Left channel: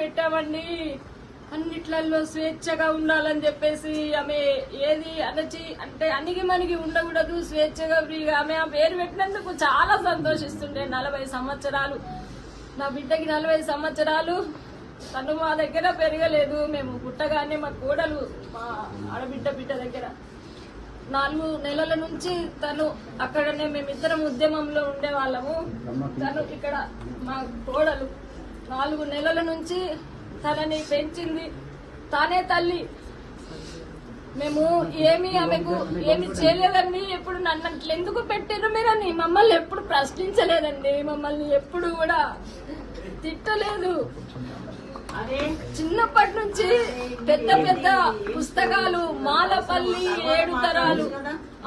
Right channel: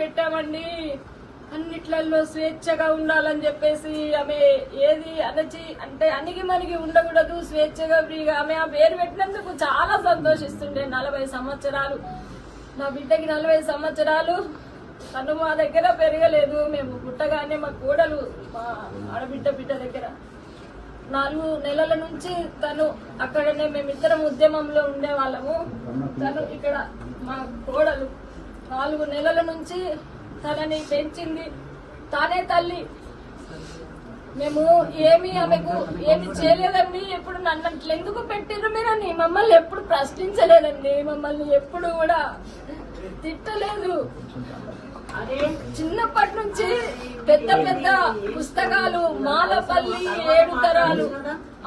పెట్టామండి, అన్నిట్లలో స్వేచ్ఛగా ఉండాలని చెప్పేసి ఆమె ఏది అణిగి మణిగి ఉండకూడదు, స్వేచ్ఛగా ఫ్రీగా ఆమె ఆ పేరు పెట్టినందుకు చాలా సంతోషిస్తుండే. 40 సంవత్సరాలు నా బిడ్డకి 40 సంవత్సరాలు తను మా దగ్గర పెరగలేదు. మేము పుట్టగానే మా కోడలు మా బిడ్డ దగ్గర 4 నెలల నుంచి తను అక్కడనే మేమిద్దరం ఉద్యమంలో ఉండేవాళ్ళము. తను ఇక్కడ మా కోడలు 4 నెలల నుంచి తనని పెంచింది, తానే తల్లి. మేము ఆమెకు ఏమి చేయలేదండి. ఎప్పుడు నన్ను అట్లా ఎందుకు పెట్టారు మీరని మమ్మల్ని ఎప్పుడు ప్రశ్నించలేదండి, మమ్మల్ని ఎప్పుడు కూడా తిట్టలేదు. చిన్నప్పటి నుంచి పెద్ద పెద్ద పుస్తకాలు, మాలపల్లి 7 తరాలు,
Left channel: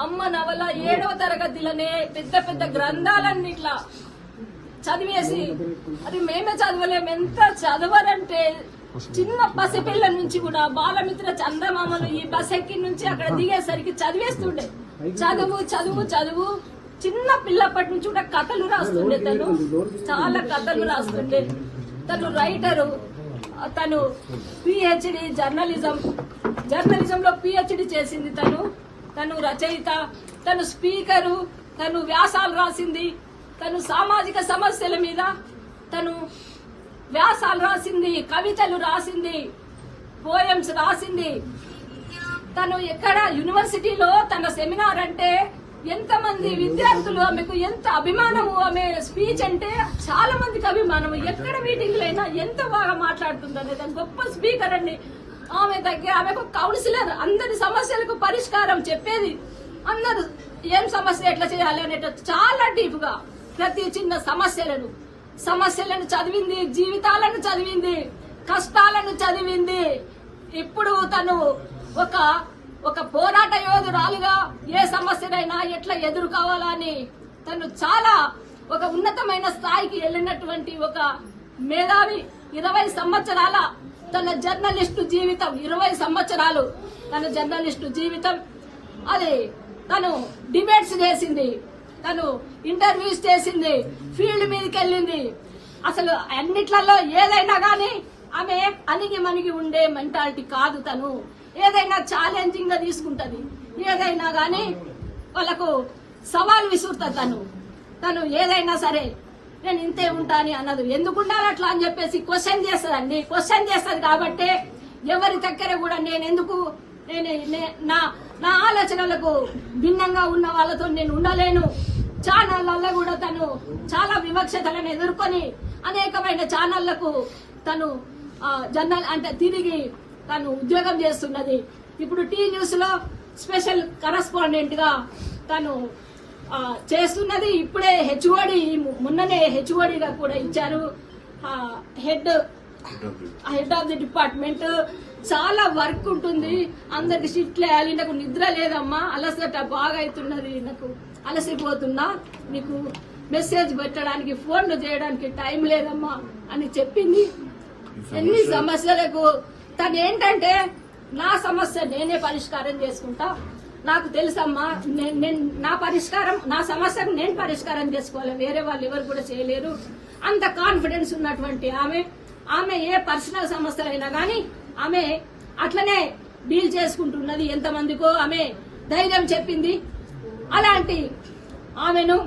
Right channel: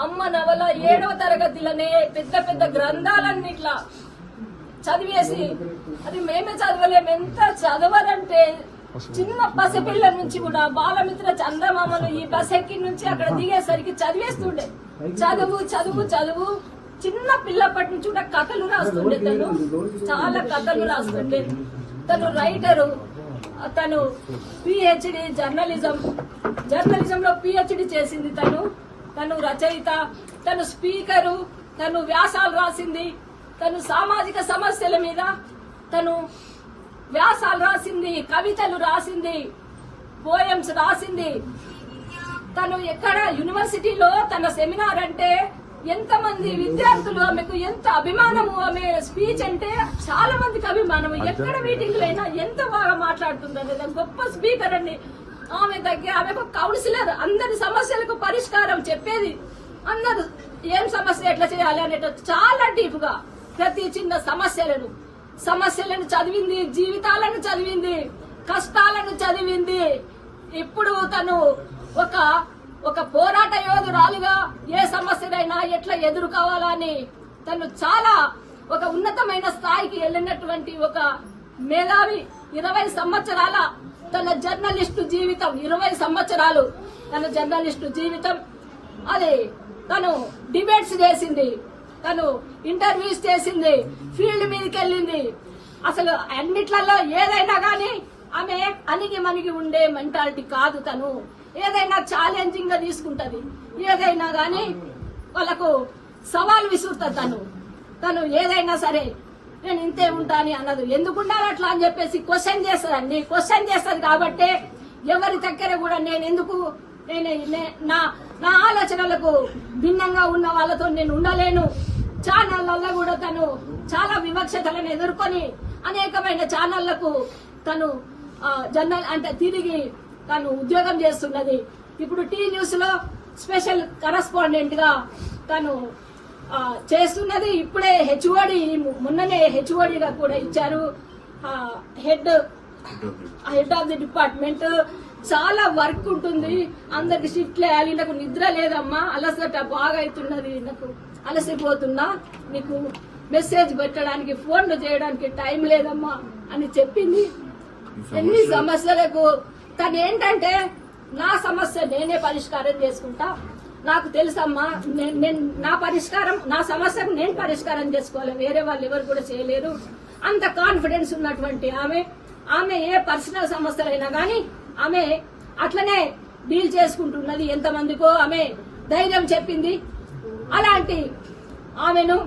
అమ్మ నవల 7వ తరగతిలోనే పెద్ద పెద్ద గ్రంథాలన్నీ ఇట్లా చదివేసి, అది మేమే చదవలేము. ఎంత చదవరంటే చిన్న పసిపిల్ల నుంచి కూడా బాలమిత్ర చందమామలు ఈ బస్ ఎక్కి నుంచి అక్కడ దిగేసరికి చదివేస్తుండే. చదువు చదువు చదువు చిన్న పిల్లప్పటి నుంచి కూడా కథలు రాస్తుండే. తను చాలా కథలు రాస్తుండే. తను రైటరు, తను పిహెచ్డి జర్నలిజంలో పిహెచ్డి చేసింది. తను రచయిత, తను స్పీకరు, తను వ్యాసాలు రాసింది. తను సామాజిక సమస్యల మీద తను వ్యాసాలు రాసింది, కవితలు రాసింది, పోయమ్స్ రాసింది. తను ఎక్కడ యూనివర్సిటీలో తన సెమినార్ అంటే ఎంతమంది విద్యార్థులు ఆమెకు ఎంత అభిమానము. ఆమె స్పీచ్ అంటే చాలా మందికి అభిమానము. ఎక్కడ మీటింగ్ అయినా ఎంత బాగా మాట్లాడుతుందనేది గొప్ప స్పీకర్ అండి. ఆమెకు కౌన్సిలర్, అందరి సమస్యలకు పరిష్కారం చెప్పేది. అందరూ ఏం సమస్య ఎట్లా చేయాలి అనేట చాలా డీప్ గా ప్రతి చిన్న సమస్యలను చదివింది, జీవితాలను చదివింది, కష్టాలను చదివింది. ఇప్పుడు తను ఒక పోరాట యోధురాలుగా ఏ సమస్యనైనా ఎట్లా ఎదుర్కోవాలని తను చాలా ఒక ఉన్నతమైన స్థాయికి వెళ్ళినటువంటి ఒక మేధావి. 20 సంవత్సరాల తన జర్నలిస్టు జీవితం, 20 సంవత్సరాలు తన జర్నలిస్టు జీవితం. అది తను డిబేట్స్ చేసింది, తను ఇంటర్వ్యూస్ చేసింది, ఫీల్డ్ మీదకి వెళ్ళింది. అసలు అన్నిట్లలో ఏదైనా గానీ ఆమె అణిగి మణిగి ఉండే మెంటాలిటీ కాదు. తను ఏదైనా ఛాలెంజింగ్ గా తీసుకుంటది, ఏదైనా గానీ వాళ్ళకు సవాల్ విసురుతుంది. తను ఏదైనా సరే నేను ఇంతే ఉంటా అని అన్నది. ఎందుకు ఉండాలి అట్లా అని చెప్పేసి క్వశ్చన్ చేస్తుందండి. క్వశ్చన్ చేస్తుంది కాబట్టి ఎవరి దగ్గర కూడా నా ఆలోచనలకు భిన్నంగా ఉన్న వాళ్ళతో నేను ఉండలేను. ఛానళ్లలో కూడా తను చాలా వివక్షతలను ఎదుర్కొని అనేకమైన ఛానళ్లకు తను తిరిగి తను ఉద్యోగం చేస్తున్నది. ఇప్పుడు టీ న్యూస్ లో స్పెషల్ కరస్పాండెంట్ గా తను చేస్తున్నది. ఇప్పుడే మొన్ననే హెచ్ఓడిగా కూడా ఇచ్చారు. Head of the department. చాలా వర్క్ ఉంటుంది, అందరికి షిఫ్ట్లు వేయాలి. నాకు నిద్ర లేదమ్మా, అలసట బాగా అవుతున్నది, నాకు అలసిపోతున్నా, నీకు మెసేజ్ పెట్టడానికి ఫోన్లు చేయడానికి టైం లేదమ్మా అని చెప్పింది. ఎన్ని సమస్యలకు తను ఏంటంటే నా సమస్య నేనే పరిష్కారం చేసుకుంటా, నాకు తెలుసమ్మా, నా సమస్యకు నేను పరిష్కారం చేసుకోవాలి, వేరే వాళ్ళు ఎవరు కూడా చేయలేరు. అంత కాన్ఫిడెన్స్ ఉన్నటువంటి ఆమె ఏ పర్సనల్ సమస్యలైనా గానీ ఆమె అట్లనే డీల్ చేసుకుంటున్నది. ఎంతమందికో ఆమె ధైర్యం చెప్పింది. అలాంటి ఆమెను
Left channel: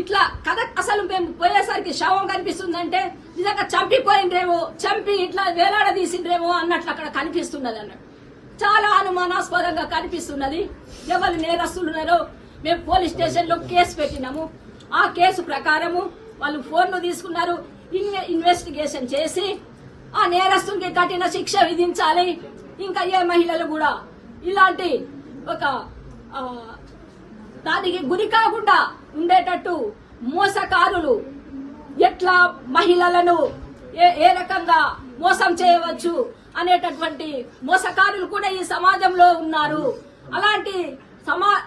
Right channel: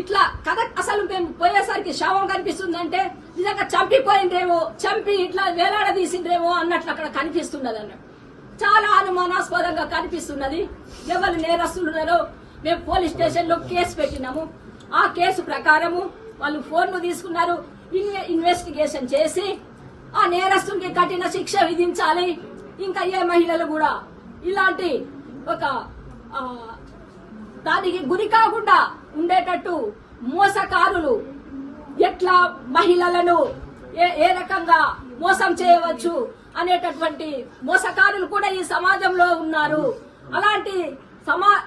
ఇట్లా కథ అసలు మేము పోయేసరికి శవం కనిపిస్తుందంటే నిజంగా చంపి ఇట్లా వేలాడదీసిండ్రేమో అన్నట్లు అక్కడ కనిపిస్తున్నది అన్నట్టు. చాలా అనుమానాస్పదంగా కనిపిస్తున్నది. ఎవరు నేరస్తులున్నారో మేము పోలీస్ స్టేషన్ లో కేసు పెట్టినాము. ఆ కేసు ప్రకారము వాళ్ళు ఫోన్లు తీసుకున్నారు. ఇన్వెస్టిగేషన్ చేసి ఆ నేరస్తునికి కఠిన శిక్ష విధించాలి. ఇంకా ఏ మహిళలు కూడా ఇలాంటి ఒక దానికి గురి కాకుండా ఉండేటట్టు మోసకారులు ఎట్లా మహిళలను ఏ రకంగా మోసం చేయవచ్చు అనేటటువంటి మోసకారులు కూడా ఈ సమాజంలో ఉన్నారు. అలాంటి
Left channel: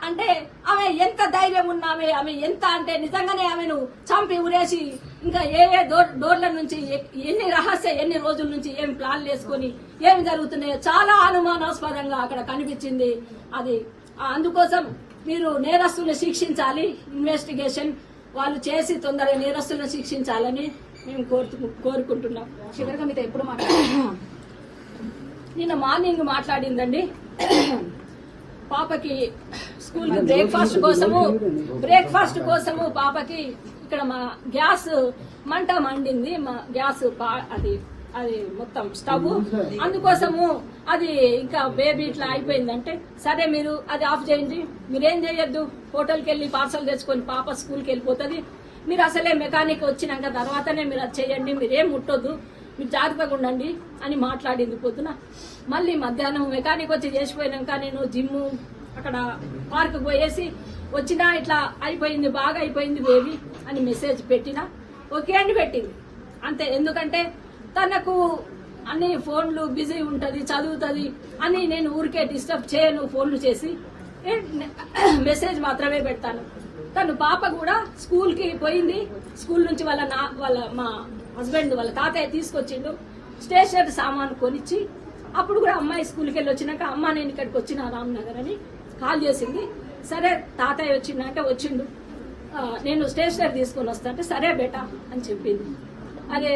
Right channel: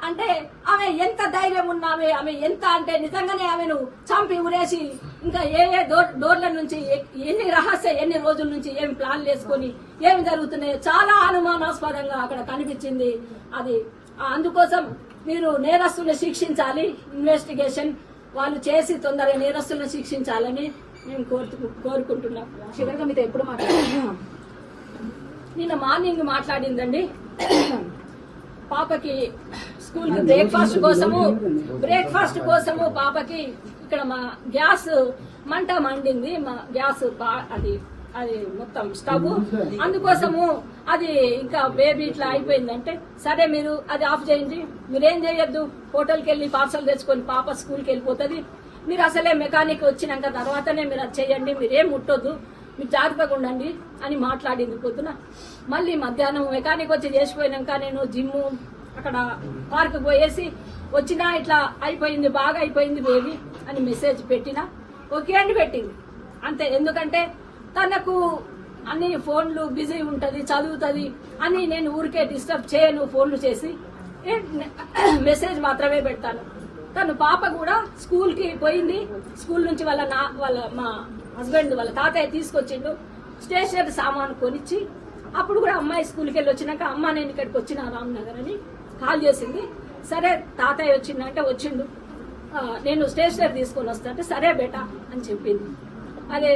అంటే ఆమె ఎంత ధైర్యం ఉన్నామే, ఆమె ఎంత అంటే నిజంగానే ఆమెను చంపి ఉరేసి ఇంకా ఏ డోర్ల నుంచి ఎన్ని రోజుల నుంచి ఏమి ప్లాన్లు వేసుకొని ఏమి జరుగుతున్నాయో చాలా అనుమానాస్పదంగా అక్కడ కనిపించింది. అది అందుకోసం మీరు నేరస్తులను శిక్షించాలి, ఇన్వెస్టిగేషన్ వాళ్ళు చేసి తొందరగా నేరస్తులను శిక్షించాలని మేము కోరుకుంటున్నాం. చివరిగా మీతో ఎప్పుడు మాట్లాడారు? నిన్న మార్నింగ్ మాట్లాడిందండి. పాపకి స్కూల్ బ్రేక్ఫాస్ట్ కోసము పాపకి ఇక్కడ మా గ్యాస్ మంట మండింది. మా గ్యాస్ అది మొత్తం స్టవ్, అందుకోసము అది ఇంకా బేబీ ఇట్లా అయిపోయిందంటే, సరే మీరు అది ఆఫ్ చేయండి, మీరేం చేయొద్దు, హోటల్కి వెళ్ళి పార్సల్ తెచ్చుకొని పాప స్కూల్కి వెళ్ళిపోతుంది, మీరు అసలే మెకానిక్ వచ్చినాక తర్వాతనే మీరు అది చేయండి, మీరేం ముట్టొద్దు, మీరు జాగ్రత్తగా ఉండండి అని మాట్లాడింది పొద్దున. మళ్ళీ మధ్యాహ్నం మెకానిక్ వచ్చి చేసిపోయినాక నేను జిమ్ అక్కడ పార్క్ పోయేసి వచ్చినా ఇట్లా అయిపోయింది, బాగా అయిపోయింది బేబీ అని మెసేజ్ పెట్టినా ఓకే అని పెట్టింది అంతే. ఎందుకంటే తనకు అన్ని ఫోన్లు బిజీ ఉంటది, చదువుతుంది అని నేను ఊరికే డిస్టర్బ్ చేయను, ఫోన్లు చేసి మెసేజ్ మాత్రమే పెడతాను. తను పాప కూడా స్కూల్ కి పోయింది. స్కూల్ నుంచి మా హస్బెండ్ వాళ్ళ తాతయ్య తీసుకొచ్చిండు, స్టేషనరీ సామాను కొనిచ్చి. అప్పుడు కూడా అమ్మాయి స్కూల్కి వెళ్ళి వచ్చినాక అమ్మ నేను ఇక్కడికి వచ్చిన రామ్నగర్ అని కాల్ చేసింది. సరే తాతయ్య వచ్చిందంటే వచ్చిండు, నేను స్టేషనరీ తీసుకొని వస్తా అంటే సరే బేటా అని చెప్పింది. అదే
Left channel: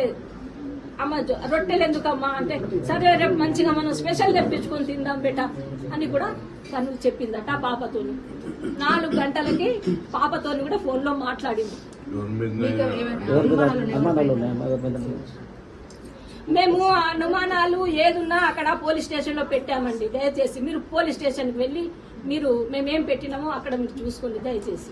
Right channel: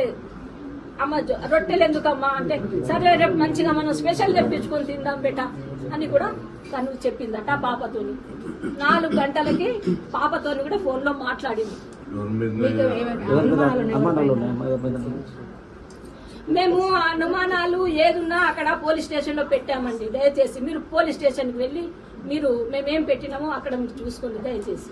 అమ్మ రొట్టెలు ఎందుకమ్మా అంటే సరే రేపు మంచిగా మనం స్పెషల్ తెప్పించుకొని తిందాం బేటా అని కూడా తను చెప్పిందట పాపతోని. 4 గంటలకి పాపతోని కూడా ఫోన్ లో మాట్లాడింది. మేము అనుమానాలు ఏదున్నా అక్కడ పోలీస్ స్టేషన్ లో పెట్టామండి. దయచేసి మీరు పోలీస్ స్టేషన్ కి వెళ్ళి మీరు మేమేం పెట్టినామో అక్కడ మీరు చూసుకోండి దయచేసి.